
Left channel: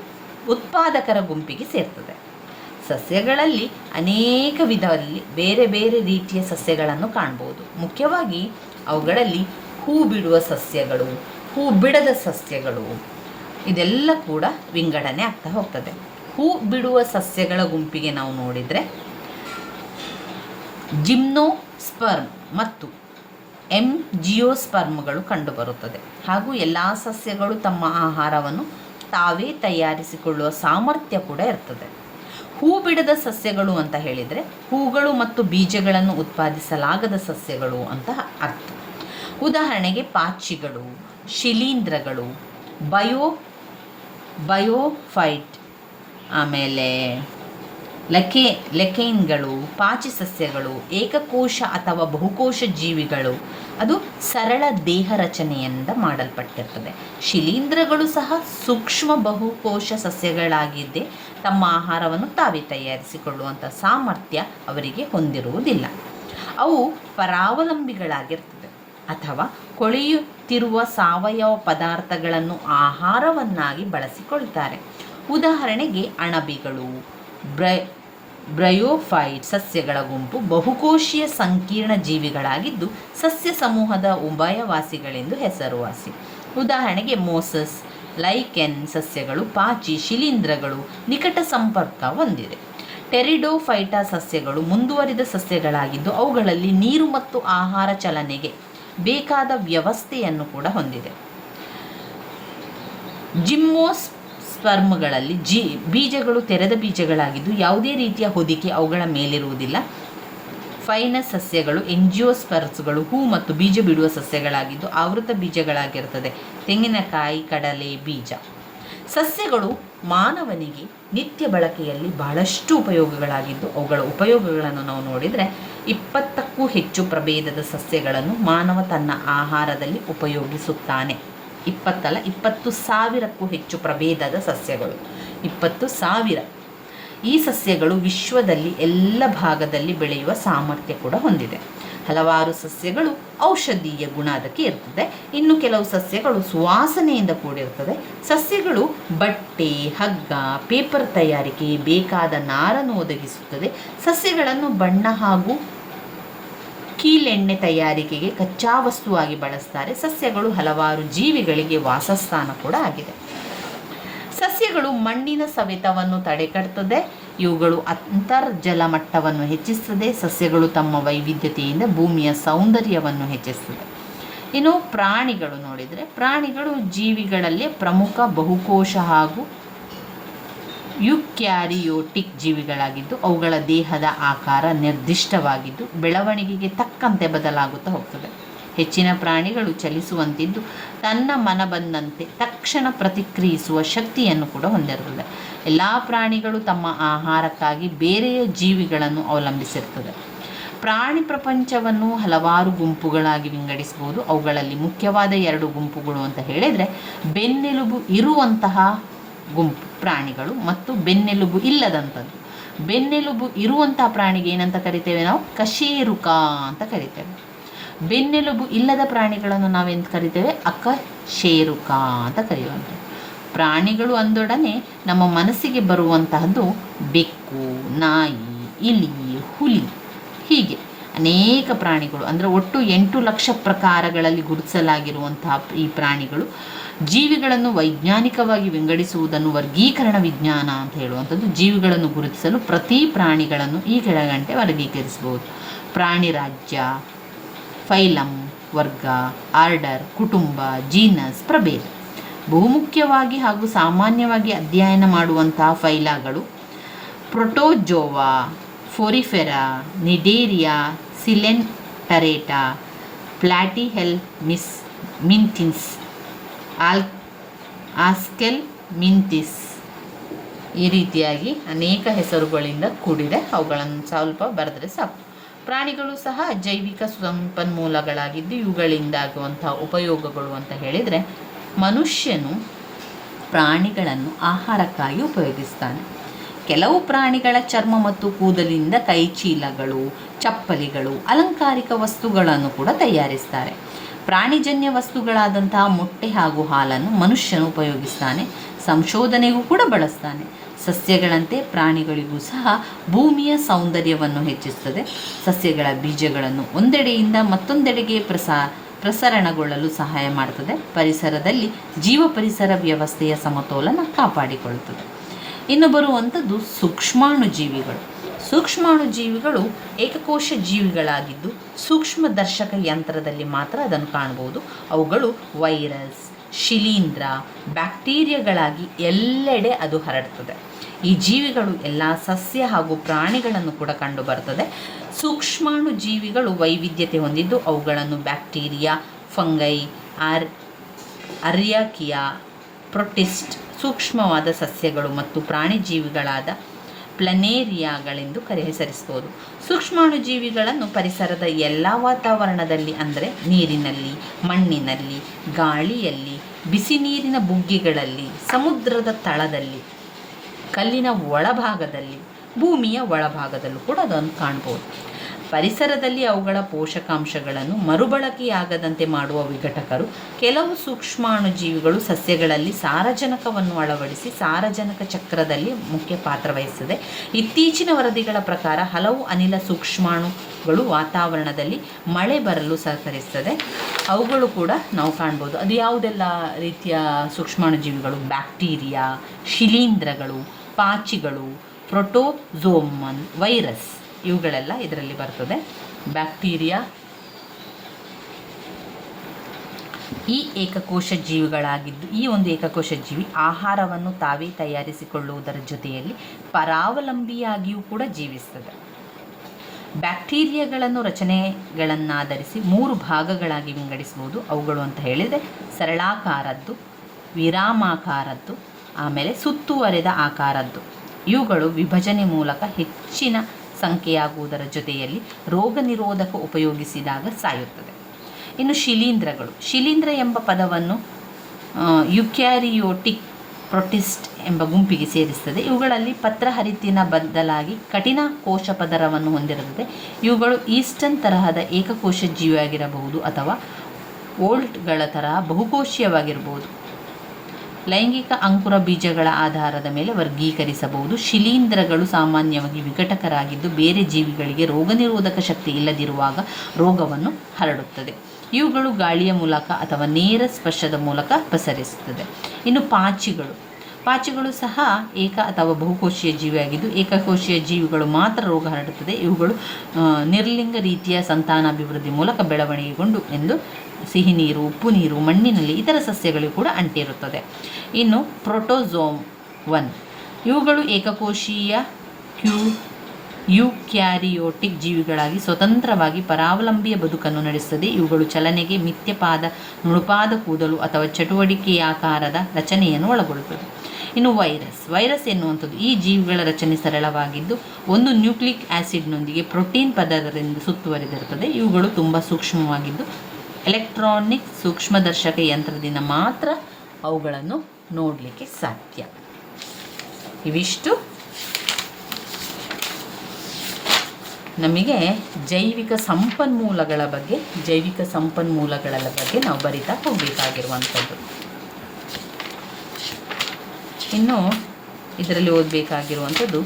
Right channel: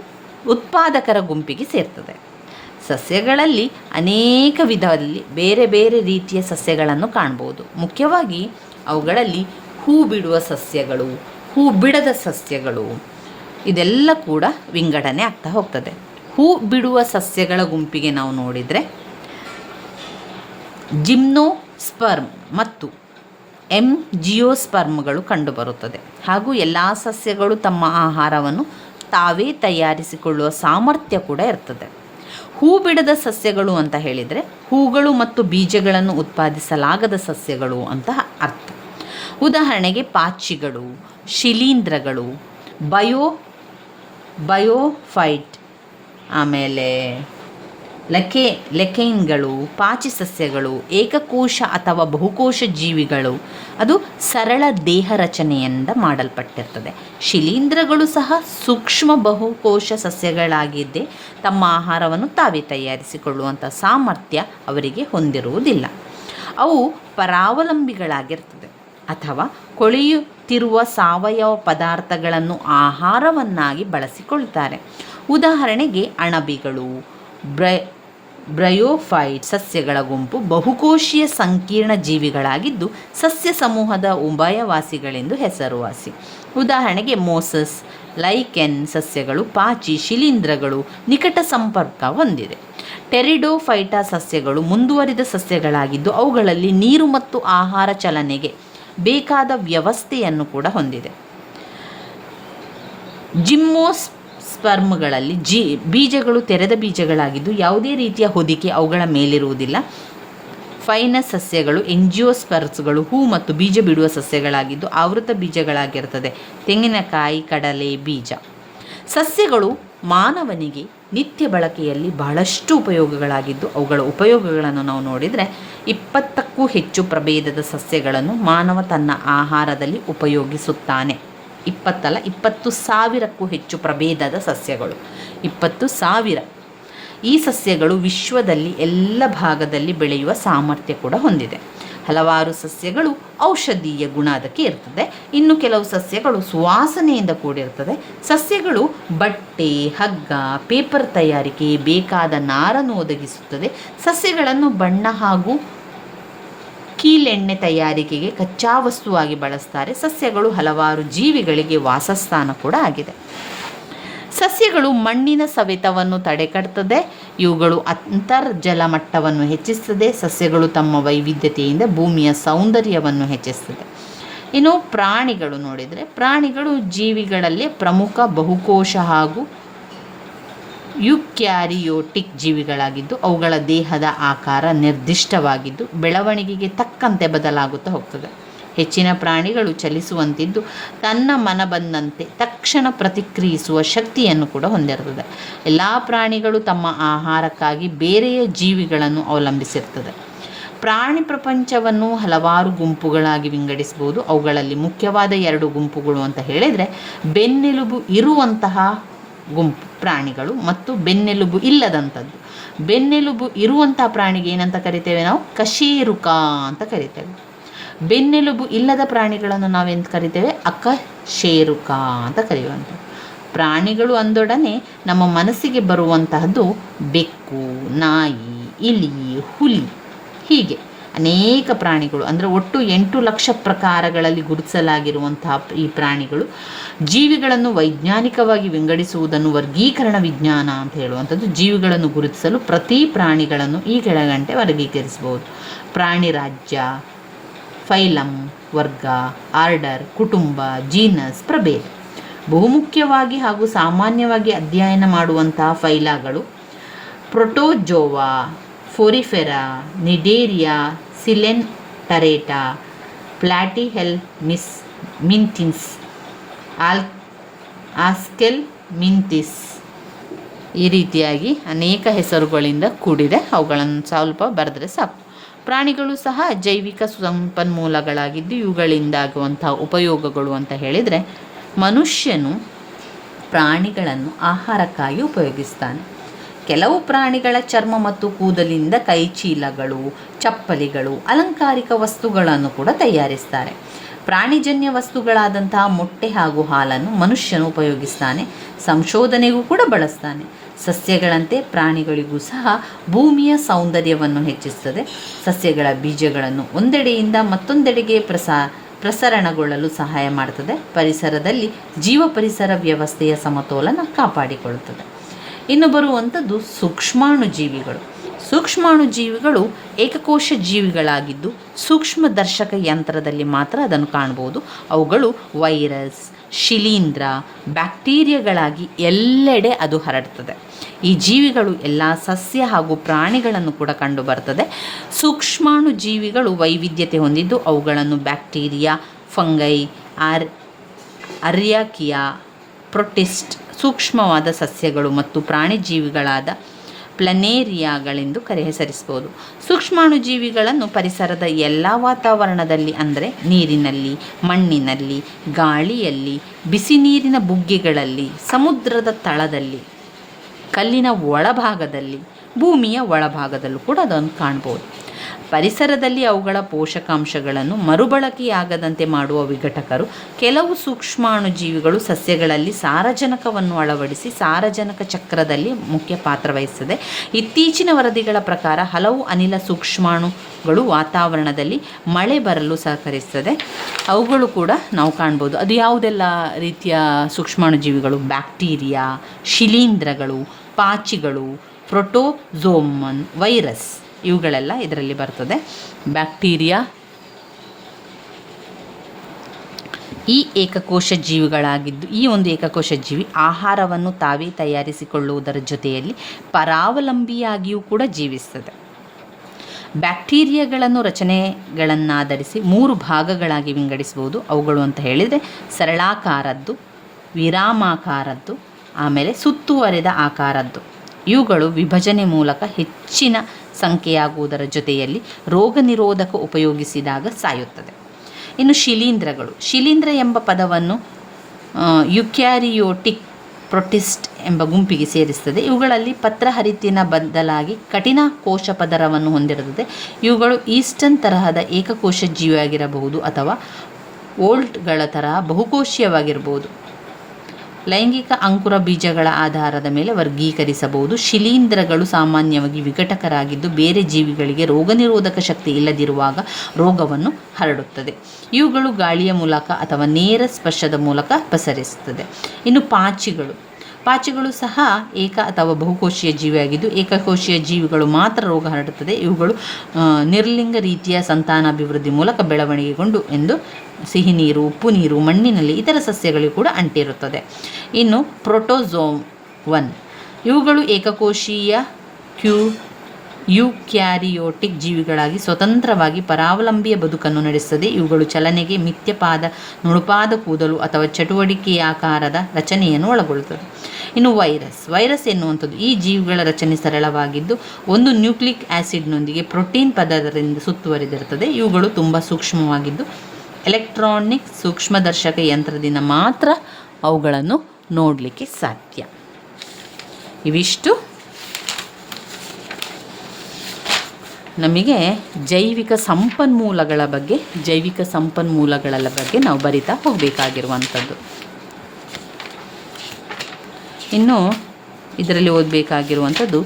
ಉತ್ಪಾದಕರ ಗುಂಪಿಗೆ ಸೇರ್ತದೆ. ಸಸ್ಯಗಳಲ್ಲಿ ಅನೇಕ ವಿಧದಲ್ಲಿ ಬೇರೆ ಬೇರೆ ರೀತಿಯ ಸಸ್ಯಗಳನ್ನು ಕಾಣ್ಬೋದು. ಮುಖ್ಯವಾಗಿ ಅವುಗಳಲ್ಲಿ ಹೂ ಬಿಡುವ ಸಸ್ಯಗಳು, ಹೂ ಬಿಡದ ಸಸ್ಯಗಳು, ಇದೆಲ್ಲ ಕೂಡ ವಿಂಗಡಣೆ ಆಗ್ತಾ ಹೋಗ್ತದೆ. ಹೂ ಬಿಡುವ ಸಸ್ಯಗಳ ಗುಂಪಿಗೆ ನಾವು ನೋಡಿದರೆ ಜಿಮ್ನೋಸ್ಪರ್ಮ್ ಮತ್ತು ಜಿಯೋಸ್ಪರ್ಮ್ಗಳು ಕಂಡುಬರುತ್ತದೆ. ಹಾಗೂ ಎಲ್ಲ ಸಸ್ಯಗಳು ತಮ್ಮ ಆಹಾರವನ್ನು ತಾವೇ ತಯಾರಿಸಿಕೊಳ್ಳುವ ಸಾಮರ್ಥ್ಯ ಕೂಡ ಇರ್ತದೆ. ಹೂ ಬಿಡದ ಸಸ್ಯಗಳು ಅಂತ ಹೇಳಿದರೆ ಹೂಗಳು ಮತ್ತು ಬೀಜಗಳನ್ನು ಉತ್ಪಾದಿಸಲಾಗದ ಸಸ್ಯಗಳು ಅಂತ ಅರ್ಥ. ಉದಾಹರಣೆಗೆ ಪಾಚಿಗಳು, ಶಿಲೀಂಧ್ರಗಳು, ಬಯೋಫೈಟ್, ಆಮೇಲೆ ಲೆಕೈನ್ಗಳು, ಪಾಚಿ ಸಸ್ಯಗಳು, ಏಕಕೋಶ ಅಥವಾ ಬಹುಕೋಶ ಜೀವಿಗಳು. ಅದು ಸರಳ ದೇಹ ರಚನೆಯಿಂದ ಮಾಡಲ್ಪಟ್ಟಿರ್ತದೆ. ಶಿಲೀಂಧ್ರಗಳು ಸಹ ಸೂಕ್ಷ್ಮ ಬಹುಕೋಶ ಸಸ್ಯಗಳಾಗಿದ್ದೇ ತಮ್ಮ ಆಹಾರವನ್ನು ತಾವೇ ತಯಾರಿಸಿಕೊಳ್ಳುವಂಥ ಸಾಮರ್ಥ್ಯ ಅವರಿಗೆ ಹೊಂದಿರುವುದಿಲ್ಲ. ಅವು ಪರಾವಲಂಬಿಗಳಾಗಿರ್ತದೆ ಅಥವಾ ಕೊಳೆಯುತ್ತಿರುವ ಸಾವಯವ ಪದಾರ್ಥಗಳನ್ನು ಆಹಾರವನ್ನಾಗಿ ಬಳಸಿಕೊಳ್ತಾರೆ. ಉದಾಹರಣೆಗೆ ಅಣಬೆಗಳು, ಬ್ರಯೋಫೈಟ್ ಸಸ್ಯಗಳ ಗುಂಪು ಬಹುಕೋಶೀಯ ಸಂಕೀರ್ಣ ಜೀವಿಗಳಾಗಿದ್ದು ಸಸ್ಯ ಸಮೂಹದ ಉಭಯವಾಸಿಗಳೆಂದು ಹೆಸರುವಾಸಿ. ಉದಾಹರಣೆಗೆ ಮೋಸಸ್, ಲೈಕೆನ್ ಸಸ್ಯಗಳು ಪಾಚಿ, ಶಿಲೀಂಧ್ರಗಳು ನಿಕಟ ಸಂಪರ್ಕ ಹೊಂದಿದೆ. ಟೆರಿಡೋಫೈಟಾ ಸಸ್ಯಗಳು ಮುಂದುವರಿದ ಸಸ್ಯಗಳಾಗಿದ್ದು ಅವುಗಳಲ್ಲಿ ನೀರು ಮತ್ತು ಆಹಾರ ಚಲನೆಗೆ ಬೇಕಾದ ವ್ಯವಸ್ಥೆಯನ್ನು ಕೂಡ ಹೊಂದಿದೆ. ಜಿಮ್ನೋಸ್ಪರ್ಮ್ಗಳಲ್ಲಿ ಬೀಜಗಳು ತೆರೆದ ಬೀಜಗಳಾಗಿದ್ದು ಯಾವುದೇ ರೀತಿಯ ಹೊದಿಕೆ ಅವುಗಳ ಮೇಲಿರುವುದಿಲ್ಲ. ಫೈನಸ್ ಸಸ್ಯಗಳು ಎಂಜಿಯೋಸ್ಪರ್ಮ್ಗಳು ಹೂ ಮತ್ತು ಬೀಜ ಬಿಡುವ ಸಸ್ಯಗಳಾಗಿದ್ದು ಆವೃತ ಬೀಜಗಳಾಗಿರುತ್ತದೆ. ತೆಂಗಿನಕಾಯಿ, ಕಡಲೆ ಬೀಜ. ಸಸ್ಯಗಳು ಮಾನವನಿಗೆ ನಿತ್ಯ ಬಳಕೆಯಲ್ಲಿ ಬಹಳಷ್ಟು ಉಪಯೋಗಗಳಾಗಿದ್ದು ಅವುಗಳ ಉಪಯೋಗಗಳನ್ನು ನಾವು ನೋಡಿದರೆ 20ಕ್ಕೂ ಹೆಚ್ಚು ಪ್ರಭೇದದ ಸಸ್ಯಗಳನ್ನು ಮಾನವ ತನ್ನ ಆಹಾರದಲ್ಲಿ ಉಪಯೋಗಿಸುತ್ತಾನೆ. 20,000ಕ್ಕೂ ಹೆಚ್ಚು ಪ್ರಭೇದದ ಸಸ್ಯಗಳು, 20,000. ಈ ಸಸ್ಯಗಳು ವಿಶ್ವದಲ್ಲಿ ಎಲ್ಲ ಭಾಗದಲ್ಲಿ ಬೆಳೆಯುವ ಸಾಮರ್ಥ್ಯ ಕೂಡ ಹೊಂದಿದೆ. ಹಲವಾರು ಸಸ್ಯಗಳು ಔಷಧೀಯ ಗುಣ ಅದಕ್ಕೆ ಇರ್ತದೆ. ಇನ್ನು ಕೆಲವು ಸಸ್ಯಗಳು ಸುವಾಸನೆಯಿಂದ ಕೂಡಿರ್ತದೆ. ಸಸ್ಯಗಳು ಬಟ್ಟೆ, ಹಗ್ಗ, ಪೇಪರ್ ತಯಾರಿಕೆ ಬೇಕಾದ ನಾರನ್ನು ಒದಗಿಸುತ್ತದೆ. ಸಸ್ಯಗಳನ್ನು ಬಣ್ಣ ಹಾಗೂ ಕೀಲೆಣ್ಣೆ ತಯಾರಿಕೆಗೆ ಕಚ್ಚಾ ವಸ್ತುವಾಗಿ ಬಳಸ್ತಾರೆ. ಸಸ್ಯಗಳು ಹಲವಾರು ಜೀವಿಗಳಿಗೆ ವಾಸಸ್ಥಾನ ಕೂಡ ಆಗಿದೆ. ಸಸ್ಯಗಳು ಮಣ್ಣಿನ ಸವೆತವನ್ನು ತಡೆಗಟ್ಟುತ್ತದೆ. ಇವುಗಳು ಅಂತರ್ಜಲ ಮಟ್ಟವನ್ನು ಹೆಚ್ಚಿಸುತ್ತದೆ. ಸಸ್ಯಗಳು ತಮ್ಮ ವೈವಿಧ್ಯತೆಯಿಂದ ಭೂಮಿಯ ಸೌಂದರ್ಯವನ್ನು ಹೆಚ್ಚಿಸುತ್ತದೆ. ಇನ್ನು ಪ್ರಾಣಿಗಳು ನೋಡಿದರೆ ಪ್ರಾಣಿಗಳು ಜೀವಿಗಳಲ್ಲಿ ಪ್ರಮುಖ ಬಹುಕೋಶ ಹಾಗೂ ಯುಕ್ಯಾರಿಯೋಟಿಕ್ ಜೀವಿಗಳಾಗಿದ್ದು ಅವುಗಳ ದೇಹದ ಆಕಾರ ನಿರ್ದಿಷ್ಟವಾಗಿದ್ದು ಬೆಳವಣಿಗೆಗೆ ತಕ್ಕಂತೆ ಬದಲಾಗುತ್ತಾ ಹೋಗ್ತದೆ. ಹೆಚ್ಚಿನ ಪ್ರಾಣಿಗಳು ಚಲಿಸುವಂತಿದ್ದು ತನ್ನ ಮನ ಬಂದಂತೆ ತಕ್ಷಣ ಪ್ರತಿಕ್ರಿಯಿಸುವ ಶಕ್ತಿಯನ್ನು ಕೂಡ ಹೊಂದಿರುತ್ತದೆ. ಎಲ್ಲ ಪ್ರಾಣಿಗಳು ತಮ್ಮ ಆಹಾರಕ್ಕಾಗಿ ಬೇರೆಯ ಜೀವಿಗಳನ್ನು ಅವಲಂಬಿಸಿರ್ತದೆ. ಪ್ರಾಣಿ ಪ್ರಪಂಚವನ್ನು ಹಲವಾರು ಗುಂಪುಗಳಾಗಿ ವಿಂಗಡಿಸಬಹುದು. ಅವುಗಳಲ್ಲಿ ಮುಖ್ಯವಾದ 2 ಗುಂಪುಗಳು ಅಂತ ಹೇಳಿದರೆ ಬೆನ್ನೆಲುಬು ಇರುವಂತಹ ಗುಂಪು ಪ್ರಾಣಿಗಳು ಮತ್ತು ಬೆನ್ನೆಲುಬು ಇಲ್ಲದಂಥದ್ದು. ಬೆನ್ನೆಲುಬು ಇರುವಂತಹ ಪ್ರಾಣಿಗೆ ಏನಂತ ಕರಿತೇವೆ ನಾವು? ಕಶೇರುಕ ಅಂತ ಕರಿತೇವೆ. ಬೆನ್ನೆಲುಬು ಇಲ್ಲದ ಪ್ರಾಣಿಗಳನ್ನು ನಾವೆಂತ ಕರಿತೇವೆ? ಅಕಶೇರುಕ ಅಂತ ಕರೆಯುವಂಥದ್ದು. ಪ್ರಾಣಿಗಳು ಅಂದೊಡನೆ ನಮ್ಮ ಮನಸ್ಸಿಗೆ ಬರುವಂತಹದ್ದು ಬೆಕ್ಕು, ನಾಯಿ, ಇಲಿ, ಹುಲಿ, ಹೀಗೆ ಅನೇಕ ಪ್ರಾಣಿಗಳು. ಅಂದರೆ ಒಟ್ಟು 8 ಲಕ್ಷ ಪ್ರಕಾರಗಳಲ್ಲಿ ಗುರುತಿಸಲಾಗಿರುವಂತಹ ಈ ಪ್ರಾಣಿಗಳು ಜೀವಿಗಳನ್ನು ವೈಜ್ಞಾನಿಕವಾಗಿ ವಿಂಗಡಿಸುವುದನ್ನು ವರ್ಗೀಕರಣ ವಿಜ್ಞಾನ ಅಂತ ಹೇಳುವಂಥದ್ದು. ಜೀವಿಗಳನ್ನು ಗುರುತಿಸಲು ಪ್ರತಿ ಪ್ರಾಣಿಗಳನ್ನು ಈ ಕೆಳಗಂಟೆ ವರ್ಗೀಕರಿಸಬಹುದು. ಪ್ರಾಣಿ ರಾಜ್ಯ, ಫೈಲಮ್ ವರ್ಗ, ಆರ್ಡರ್ ಕುಟುಂಬ, ಜೀನಸ್ ಪ್ರಭೇದ. ಬಹುಮುಖ್ಯವಾಗಿ ಹಾಗೂ ಸಾಮಾನ್ಯವಾಗಿ ಅಧ್ಯಯನ ಮಾಡುವಂತಹ ಫೈಲಾಗಳು ಪ್ರೊಟೋಜೋವಾ, ಫೋರಿಫೆರಾ, ನಿಡೇರಿಯಾ, ಸಿಲೆಂಟರೇಟಾ, ಪ್ಲಾಟಿಹೆಲ್ಮಿಂಥಿಸ್, ಆಸ್ಕೆಲ್ ಮಿಂಥಿಸ್, ಈ ರೀತಿಯಾಗಿ ಅನೇಕ ಹೆಸರುಗಳಿಂದ ಕೂಡಿದೆ. ಅವುಗಳನ್ನು ಸ್ವಲ್ಪ ಬರೆದ್ರೆ ಸಾಕು. ಪ್ರಾಣಿಗಳು ಸಹ ಜೈವಿಕ ಸಂಪನ್ಮೂಲಗಳಾಗಿದ್ದು ಇವುಗಳಿಂದಾಗುವಂತಹ ಉಪಯೋಗಗಳು ಅಂತ ಹೇಳಿದರೆ ಮನುಷ್ಯನು ಪ್ರಾಣಿಗಳನ್ನು ಆಹಾರಕ್ಕಾಗಿ ಉಪಯೋಗಿಸ್ತಾನೆ. ಕೆಲವು ಪ್ರಾಣಿಗಳ ಚರ್ಮ ಮತ್ತು ಕೂದಲಿನಿಂದ ಕೈಚೀಲಗಳು, ಚಪ್ಪಲಿಗಳು, ಅಲಂಕಾರಿಕ ವಸ್ತುಗಳನ್ನು ಕೂಡ ತಯಾರಿಸ್ತಾರೆ. ಪ್ರಾಣಿಜನ್ಯ ವಸ್ತುಗಳಾದಂತಹ ಮೊಟ್ಟೆ ಹಾಗೂ ಹಾಲನ್ನು ಮನುಷ್ಯನು ಉಪಯೋಗಿಸ್ತಾನೆ, ಸಂಶೋಧನೆಗೂ ಕೂಡ ಬಳಸ್ತಾನೆ. ಸಸ್ಯಗಳಂತೆ ಪ್ರಾಣಿಗಳಿಗೂ ಸಹ ಭೂಮಿಯ ಸೌಂದರ್ಯವನ್ನು ಹೆಚ್ಚಿಸುತ್ತದೆ. ಸಸ್ಯಗಳ ಬೀಜಗಳನ್ನು ಒಂದೆಡೆಯಿಂದ ಮತ್ತೊಂದೆಡೆಗೆ ಪ್ರಸರಣಗೊಳ್ಳಲು ಸಹಾಯ ಮಾಡುತ್ತದೆ. ಪರಿಸರದಲ್ಲಿ ಜೀವ ಪರಿಸರ ವ್ಯವಸ್ಥೆಯ ಸಮತೋಲನ ಕಾಪಾಡಿಕೊಳ್ಳುತ್ತದೆ. ಇನ್ನು ಬರುವಂಥದ್ದು ಸೂಕ್ಷ್ಮಾಣುಜೀವಿಗಳು. ಸೂಕ್ಷ್ಮಾಣುಜೀವಿಗಳು ಏಕಕೋಶ ಜೀವಿಗಳಾಗಿದ್ದು ಸೂಕ್ಷ್ಮದರ್ಶಕ ಯಂತ್ರದಲ್ಲಿ ಮಾತ್ರ ಅದನ್ನು ಕಾಣ್ಬೋದು. ಅವುಗಳು ವೈರಸ್, ಶಿಲೀಂಧ್ರ, ಬ್ಯಾಕ್ಟೀರಿಯಾಗಳಾಗಿ ಎಲ್ಲೆಡೆ ಅದು ಹರಡ್ತದೆ. ಈ ಜೀವಿಗಳು ಎಲ್ಲ ಸಸ್ಯ ಹಾಗೂ ಪ್ರಾಣಿಗಳನ್ನು ಕೂಡ ಕಂಡುಬರ್ತದೆ. ಸೂಕ್ಷ್ಮಾಣು ಜೀವಿಗಳು ವೈವಿಧ್ಯತೆ ಹೊಂದಿದ್ದು ಅವುಗಳನ್ನು ಬ್ಯಾಕ್ಟೀರಿಯಾ, ಫಂಗೈ, ಅರ್ಯಾಕಿಯಾ, ಪ್ರೊಟಿಸ್ಟ್, ಸೂಕ್ಷ್ಮವಾದ ಸಸ್ಯಗಳು ಮತ್ತು ಪ್ರಾಣಿಜೀವಿಗಳಾದ ಪ್ಲನೇರಿಯಾಗಳೆಂದು ಹೆಸರಿಸಬಹುದು. ಸೂಕ್ಷ್ಮಾಣುಜೀವಿಗಳನ್ನು ಪರಿಸರದ ಎಲ್ಲ ವಾತಾವರಣದಲ್ಲಿ ಅಂದರೆ ನೀರಿನಲ್ಲಿ, ಮಣ್ಣಿನಲ್ಲಿ, ಗಾಳಿಯಲ್ಲಿ, ಬಿಸಿ ನೀರಿನ ಬುಗ್ಗೆಗಳಲ್ಲಿ, ಸಮುದ್ರದ ತಳದಲ್ಲಿ, ಕಲ್ಲಿನ ಒಳಭಾಗದಲ್ಲಿ, ಭೂಮಿಯ ಒಳಭಾಗದಲ್ಲೂ ಕೂಡ ಅದನ್ನು ಕಾಣ್ಬೋದು. ಪರಿಸರದಲ್ಲಿ ಅವುಗಳ ಪೋಷಕಾಂಶಗಳನ್ನು ಮರುಬಳಕೆಯಾಗದಂತೆ ಮಾಡುವ ವಿಘಟಕರು. ಕೆಲವು ಸೂಕ್ಷ್ಮಾಣುಜೀವಿಗಳು ಸಸ್ಯಗಳಲ್ಲಿ ಸಾರಜನಕವನ್ನು ಅಳವಡಿಸಿ ಸಾರಜನಕ ಚಕ್ರದಲ್ಲಿ ಮುಖ್ಯ ಪಾತ್ರ ವಹಿಸುತ್ತದೆ. ಇತ್ತೀಚಿನ ವರದಿಗಳ ಪ್ರಕಾರ ಹಲವು ಅನಿಲ ಸೂಕ್ಷ್ಮಾಣುಗಳು ವಾತಾವರಣದಲ್ಲಿ ಮಳೆ ಬರಲು ಸಹಕರಿಸುತ್ತದೆ. ಅವುಗಳು ಕೂಡ ನಾವು ಕಾಣ್ಬೋದು. ಅದು ಯಾವುದೆಲ್ಲ ರೀತಿಯ ಸೂಕ್ಷ್ಮಾಣುಜೀವಿಗಳು? ಬ್ಯಾಕ್ಟೀರಿಯಾ, ಶಿಲೀಂಧ್ರಗಳು, ಪಾಚಿಗಳು, ಪ್ರೋಟೋಜೋಮನ್, ವೈರಸ್, ಇವುಗಳೆಲ್ಲ ಇದರಲ್ಲಿ ಬರ್ತದೆ. ಬ್ಯಾಕ್ಟೀರಿಯಾ ಈ ಏಕಕೋಶ ಜೀವಿಗಳಾಗಿದ್ದು ಈ ಒಂದು ಏಕಕೋಶ ಜೀವಿ ಆಹಾರವನ್ನು ತಾವೇ ತಯಾರಿಸಿಕೊಳ್ಳುವುದರ ಜೊತೆಯಲ್ಲಿ ಪರಾವಲಂಬಿಯಾಗಿಯೂ ಕೂಡ ಜೀವಿಸ್ತದೆ. ಬ್ಯಾಕ್ಟೀರಿಯಾಗಳನ್ನು ರಚನೆಗಳನ್ನಾಧರಿಸಿ 3 ಭಾಗಗಳಾಗಿ ವಿಂಗಡಿಸಬಹುದು. ಅವುಗಳು ಅಂತ ಹೇಳಿದರೆ ಸರಳಾಕಾರದ್ದು, ವಿರಾಮಾಕಾರದ್ದು, ಆಮೇಲೆ ಸುತ್ತುವರೆದ ಆಕಾರದ್ದು. ಇವುಗಳು ವಿಭಜನೆ ಮೂಲಕ ಹೆಚ್ಚಿನ ಸಂಖ್ಯೆಯಾಗುವುದರ ಜೊತೆಯಲ್ಲಿ ರೋಗ ನಿರೋಧಕ ಉಪಯೋಗಿಸಿದಾಗ ಸಾಯುತ್ತದೆ. ಇನ್ನು ಶಿಲೀಂಧ್ರಗಳು. ಶಿಲೀಂಧ್ರ ಎಂಬ ಪದವನ್ನು ಯುಕ್ಯಾರಿಯೋಟಿಕ್ ಪ್ರೊಟಿಸ್ಟ್ ಎಂಬ ಗುಂಪಿಗೆ ಸೇರಿಸುತ್ತದೆ. ಇವುಗಳಲ್ಲಿ ಪತ್ರಹರಿತಿನ ಬದಲಾಗಿ ಕಠಿಣ ಕೋಶ ಪದರವನ್ನು ಹೊಂದಿರುತ್ತದೆ. ಇವುಗಳು ಈಸ್ಟರ್ನ್ ತರಹದ ಏಕಕೋಶ ಜೀವಿಯಾಗಿರಬಹುದು ಅಥವಾ ವೋಲ್ಟ್ಗಳ ತರಹ ಬಹುಕೋಶೀಯವಾಗಿರಬಹುದು. ಲೈಂಗಿಕ ಅಂಕುರ ಬೀಜಗಳ ಆಧಾರದ ಮೇಲೆ ವರ್ಗೀಕರಿಸಬಹುದು. ಶಿಲೀಂಧ್ರಗಳು ಸಾಮಾನ್ಯವಾಗಿ ವಿಘಟಕರಾಗಿದ್ದು ಬೇರೆ ಜೀವಿಗಳಿಗೆ ರೋಗನಿರೋಧಕ ಶಕ್ತಿ ಇಲ್ಲದಿರುವಾಗ ರೋಗವನ್ನು ಹರಡುತ್ತದೆ. ಇವುಗಳು ಗಾಳಿಯ ಮೂಲಕ ಅಥವಾ ನೇರ ಸ್ಪರ್ಶದ ಮೂಲಕ ಪಸರಿಸುತ್ತದೆ. ಇನ್ನು ಪಾಚಿಗಳು ಸಹ ಏಕ ಅಥವಾ ಬಹುಕೋಶೀಯ ಜೀವಿಯಾಗಿದ್ದು ಏಕಕೋಶೀಯ ಜೀವಿಗಳು ಮಾತ್ರ ರೋಗ ಹರಡುತ್ತದೆ. ಇವುಗಳು ನಿರ್ಲಿಂಗ ರೀತಿಯ ಸಂತಾನಾಭಿವೃದ್ಧಿ ಮೂಲಕ ಬೆಳವಣಿಗೆಗೊಂಡು ಎಂದು ಸಿಹಿ ನೀರು, ಉಪ್ಪು ನೀರು, ಮಣ್ಣಿನಲ್ಲಿ ಇತರ ಸಸ್ಯಗಳಿಗೂ ಕೂಡ ಅಂಟಿರುತ್ತದೆ. ಇನ್ನು ಪ್ರೋಟೋಜೋವನ್. ಇವುಗಳು ಏಕಕೋಶೀಯ ಯುಕ್ಯಾರಿಯೋಟಿಕ್ ಜೀವಿಗಳಾಗಿ ಸ್ವತಂತ್ರವಾಗಿ ಪರಾವಲಂಬಿಯ ಬದುಕನ್ನು ನಡೆಸುತ್ತದೆ. ಇವುಗಳು ಚಲನೆಗೆ ಮಿಥ್ಯಪಾದ, ನುಣುಪಾದ ಕೂದಲು ಅಥವಾ ಚಟುವಟಿಕೆಯಾಕಾರದ ರಚನೆಯನ್ನು ಒಳಗೊಳ್ಳುತ್ತದೆ. ಇನ್ನು ವೈರಸ್ ಎನ್ನುವಂಥದ್ದು ಈ ಜೀವಿಗಳ ರಚನೆ ಸರಳವಾಗಿದ್ದು ಒಂದು ನ್ಯೂಕ್ಲಿಕ್ ಆ್ಯಸಿಡ್ನೊಂದಿಗೆ ಪ್ರೋಟೀನ್ ಪದರದಿಂದ ಸುತ್ತುವರಿದಿರುತ್ತದೆ. ಇವುಗಳು ತುಂಬ ಸೂಕ್ಷ್ಮವಾಗಿದ್ದು ಎಲೆಕ್ಟ್ರಾನಿಕ್ ಸೂಕ್ಷ್ಮದರ್ಶಕ ಯಂತ್ರದಿಂದ ಮಾತ್ರ ಅವುಗಳನ್ನು ನೋಡಲಿಕ್ಕೆ ಸಾಧ್ಯ. ಇವಿಷ್ಟು ನಮಗೆ ಜೈವಿಕ ಸಂಪನ್ಮೂಲಗಳ ಬಗ್ಗೆ ನಾವು ಬರಿತಾ ಹೋಗಬೇಕಾಗಿರುವಂಥದ್ದು. ಇನ್ನು ಇದರಲ್ಲಿ ಓದಬೇಕಾಗಿರುವಂಥದ್ದು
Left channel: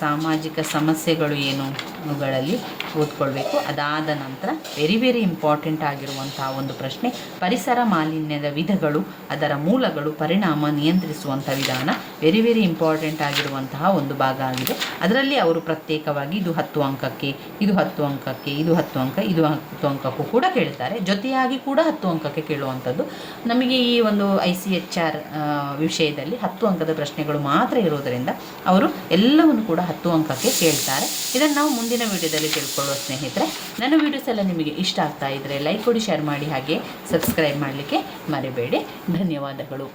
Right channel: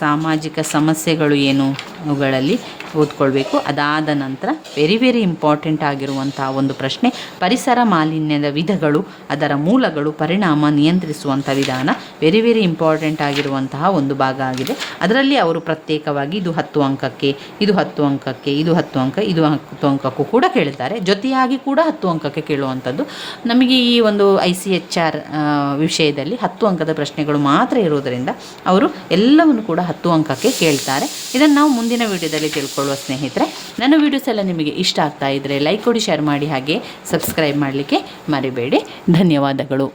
ಸಾಮಾಜಿಕ ಸಮಸ್ಯೆಗಳು ಏನು ಅವುಗಳಲ್ಲಿ ಓದ್ಕೊಳ್ಬೇಕು. ಅದಾದ ನಂತರ ವೆರಿ ಇಂಪಾರ್ಟೆಂಟ್ ಆಗಿರುವಂತಹ ಒಂದು ಪ್ರಶ್ನೆ, ಪರಿಸರ ಮಾಲಿನ್ಯದ ವಿಧಗಳು, ಅದರ ಮೂಲಗಳು, ಪರಿಣಾಮ, ನಿಯಂತ್ರಿಸುವಂಥ ವಿಧಾನ. ವೆರಿ ಇಂಪಾರ್ಟೆಂಟ್ ಆಗಿರುವಂತಹ ಒಂದು ಭಾಗ ಆಗಿದೆ. ಅದರಲ್ಲಿ ಅವರು ಪ್ರತ್ಯೇಕವಾಗಿ ಇದು 10 ಅಂಕಕ್ಕೆ, ಇದು 10 ಅಂಕಕ್ಕೆ, ಇದು 10 ಅಂಕ, ಇದು 10 ಅಂಕಕ್ಕೂ ಕೂಡ ಕೇಳ್ತಾರೆ. ಜೊತೆಯಾಗಿ ಕೂಡ 10 ಅಂಕಕ್ಕೆ ಕೇಳುವಂಥದ್ದು. ನಮಗೆ ಈ ಒಂದು ICHR ವಿಷಯದಲ್ಲಿ 10 ಅಂಕದ ಪ್ರಶ್ನೆಗಳು ಮಾತ್ರ ಇರೋದರಿಂದ ಅವರು ಎಲ್ಲವನ್ನು ಕೂಡ 10 ಅಂಕಕ್ಕೆ ಕೇಳ್ತಾರೆ. ಇದನ್ನು ನಾವು ಮುಂದಿನ ವಿಡಿಯೋದಲ್ಲಿ ತಿಳ್ಕೊಳ್ಳುವ ಸ್ನೇಹಿತರೆ. ನನ್ನ ವಿಡಿಯೋಸ್ ಎಲ್ಲ ನಿಮಗೆ ಇಷ್ಟ ಆಗ್ತಾ ಇದ್ದರೆ ಲೈಕ್ ಕೊಡಿ, ಶೇರ್ ಮಾಡಿ, ಹಾಗೆ ಸಬ್ಸ್ಕ್ರೈಬ್ ಮಾಡಲಿಕ್ಕೆ ಮರಿಬೇಡಿ. ಧನ್ಯವಾದಗಳು.